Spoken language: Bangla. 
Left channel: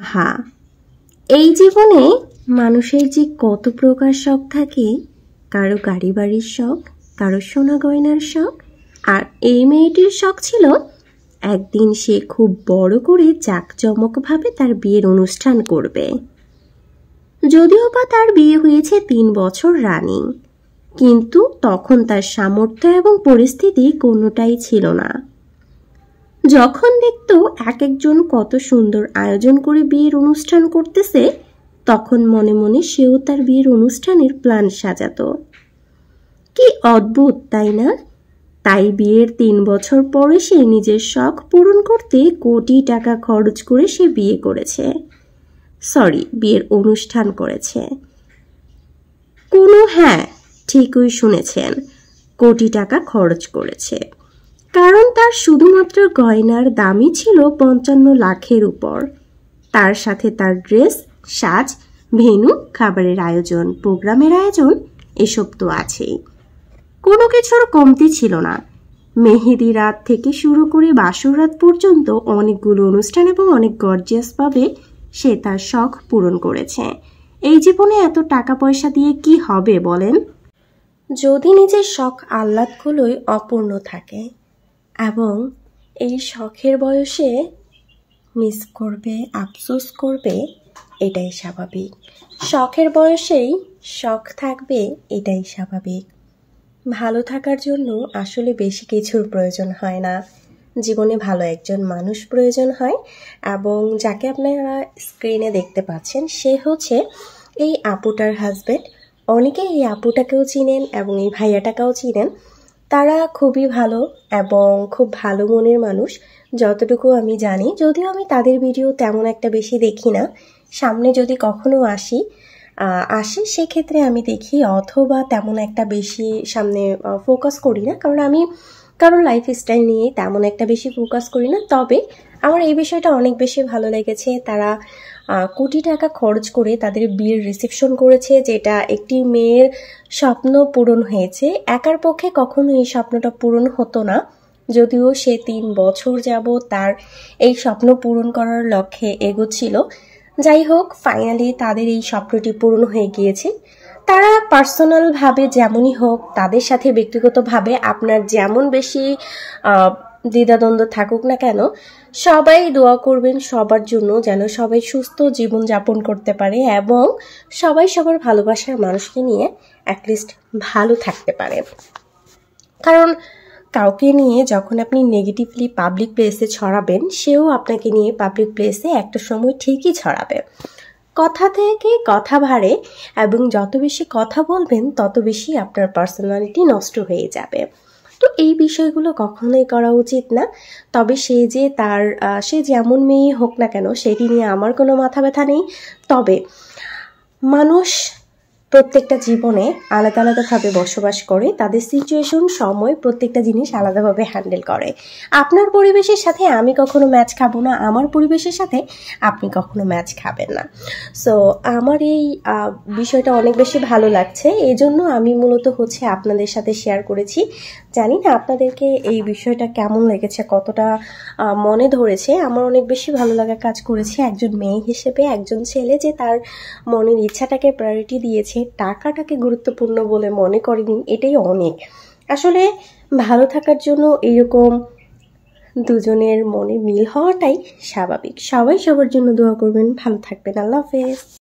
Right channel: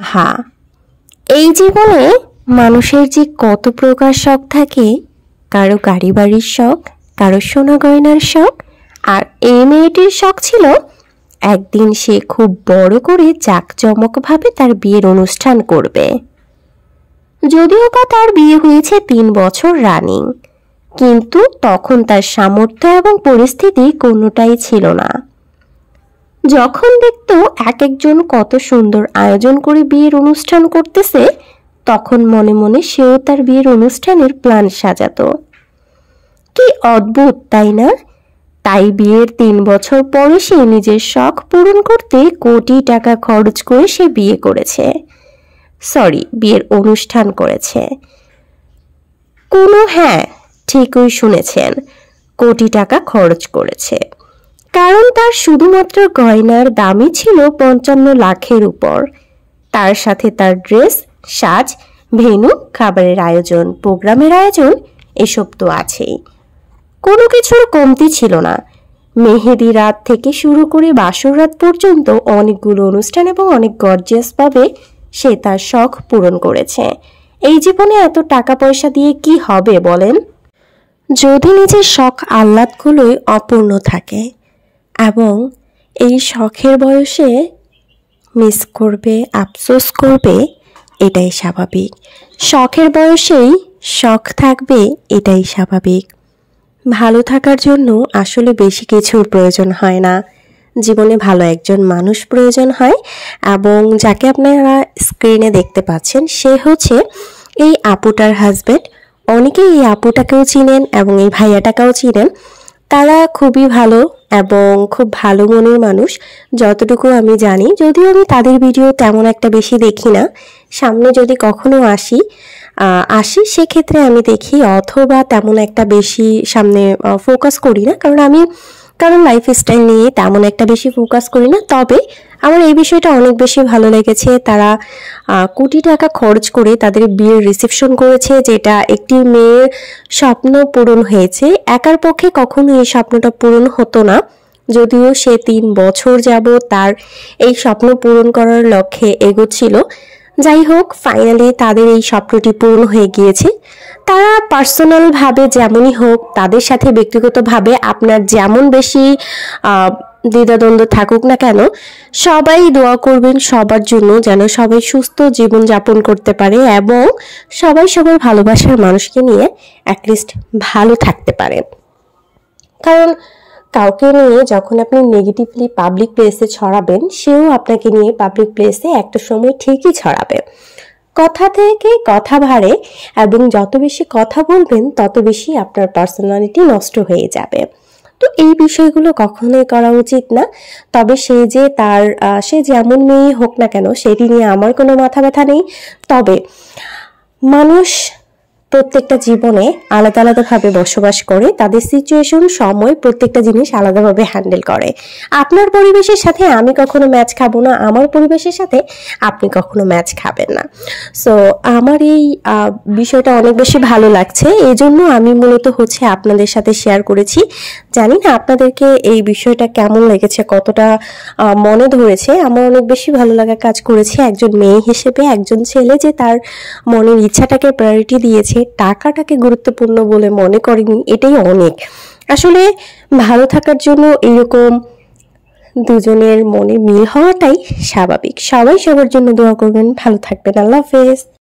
হ্যাঁ, এই জীবনে মানুষের যে কত প্রকার শখ থাকে। কারো গাড়ি বাড়ির শখ, কারো সোনা গয়নার শখ। আর এই মেয়েটির শখ ছিল একদিন সে খুব বড় করে জাঁকজমকভাবে তার বিয়ের অনুষ্ঠান করবে। যদিও বা তার বিয়ে হয়েছে 3 বছর রানিং, কিন্তু তখন তার সামর্থ্য এবং পরিস্থিতি কোনোটাই ছিল না। যখন দেখতো এক একজন কত সুন্দর আয়োজন করে বিয়ের অনুষ্ঠান করতেছে, তখন মনে মনে সেও তার বিয়ের অনুষ্ঠানের প্ল্যান সাজাতো। কি অদ্ভুত, তাই না? তাই বিয়ের 3 বছর পরে সে নিজের শখ পূরণ করতে কোটি টাকা খরচ করে সে বিয়ে করেছে। বিয়ের অনুষ্ঠান করেছে। হ্যাঁ, ঠিকই শুনেছেন, কোটি টাকা খরচ করেছে। কারণ তার শুধুমাত্র গয়নার দামই ছিল 55 লাখের উপর। তার সাথে তার ড্রেস, সাজ, ভেন্যু, খাবারের আয়োজন, প্রোগ্রামের আয়োজন, এসব তো আছেই। কোনো কিছুর কমতি ছিল না। মেহেদি রাত থেকে শুরু করে বাসর রাত পর্যন্ত অনেকগুলো অনুষ্ঠান এবং অনেক গর্জিয়াসভাবে সে তার শখ পূরণ করেছে। এই জীবনে এত টাকা পয়সা দিয়ে কি হবে বলেন? যদি নিজের শখ আহ্লাদগুলোই অপূর্ণ থাকে এবং এই শখের বয়সে মিস করবে, আফসোস করবে, এটাই স্বাভাবিক। শখের বয়সেই শখ থাকবে, এটাই স্বাভাবিক। ভালো থাকার জন্য আসলে বেশি কিছুর প্রয়োজন হয় না। জীবনে ভালো একজন মানুষ প্রয়োজন হয়, এবং যাকে আপনারা স্ক্রিনে দেখতে পাচ্ছেন সে হচ্ছে এই আপুটার হাজব্যান্ড। অনেকেই এই আপুটাকেও চিনেন এবং এই ভাইয়াটাকেও চিনেন। তারা খুবই ভালো এবং খুব ভালো মনের মানুষ, যতটুকু আমি জানি। যদিও আমি তাদের ভিডিও তেমন একটা বেশি দেখি না, সামনে যদি কখনো আসি সেক্ষেত্রে আমি দেখি, অথবা তেমন একটা বেশি সামনে ফোকাস করি না, কারণ লাইফস্টাইল নিয়ে তেমন একটা বেশি ফোকাস করি না। তবে আমার এই বিষয়টা অনেক বেশি ভালো লেগেছে। তারা কোটি টাকা খরচ করে তাদের বিয়ের রিসেপশন করেছে, যেটা একটি মেয়ের স্বপ্ন পূরণ হয়েছে। একার পক্ষে কখনো এই স্বপ্নটা পূরণ হতো না, যদিও সে 3 বছর যাবত তার এই স্বপ্ন পূরণ করার লক্ষ্যে এগোচ্ছিল। যাই হোক, ফাইনালি তাদের এই স্বপ্নটি পূরণ হয়ে গিয়েছে। তারা পার্সোনালভাবে যেমনই হোক, তাদের সাথে ব্যক্তিগতভাবে আপনার যেমন বেশি দ্বিধাদ্বন্দ্ব থাকুক না কেন, সবাই দোয়া করবেন সবার জন্য, যেন সবাই সুস্থ জীবন যাপন করতে পারে এবং সবাই সবার ভালোবাসার মানুষকে নিয়ে অ্যাটলিস্ট ভালো থাকতে পারে। কারণ কাউকে নিয়ে যখন আপনি নেগেটিভলি পাবলিক প্লেসে ছড়াবেন, সেও আপনাকে নিয়ে পাবলিক প্লেসে একটা সময় ঠিকই ছড়াবে। কথা থেকে কথা বাড়ে, এবং যত বেশি কথা বলবেন তত বেশি আপনার পার্সোনালিটি নষ্ট হয়ে যাবে। তো এই বিষয়গুলো কখনোই করা উচিত না। তবে সে যেমন মেয়ে হোক না কেন, সেটি নিয়ে আমার কোনো মাথা ব্যথা নেই। তবে মানুষ প্রত্যেকটা জীবনে আলাদা আলাদাভাবে বসবাস করে, তাদের সিচুয়েশন, সময়, প্রত্যেকটা জিনিস আলাদাভাবে হ্যান্ডেল করে। আপনার পরিবেশের সাথে আমি কখনো ম্যাচ খাবো না, আমার পরিবেশের সাথে আপনি কখনো ম্যাচ খাবেন না। সো আমার এই বিষয়টা অনেক বেশি ভালো লাগছে, এই জন্য আমি মূলত আপনাদের সাথে শেয়ার করেছি। জানি না আপনাদেরকে এই বিষয়টা কেমন লেগেছে, কতটা মনে ধরেছে। আমার অনেক বেশি ভালো লাগা কাজ করেছে একজন মেয়ে হিসেবে। একজন ছেলে যে তার মনের ইচ্ছাটাকে প্রায়োরিটি দিয়েছে, টাকাটাকে গুরুত্বপূর্ণ বলে মনে করেনি, এটাই অনেক। আসলে ভালো থাকার জন্য এরকম দুজনের মনে মিল হওয়াটাই স্বাভাবিক। সবাই সবার জন্য দোয়া করবেন, ভালো থাকবেন। আল্লাহ হাফেজ।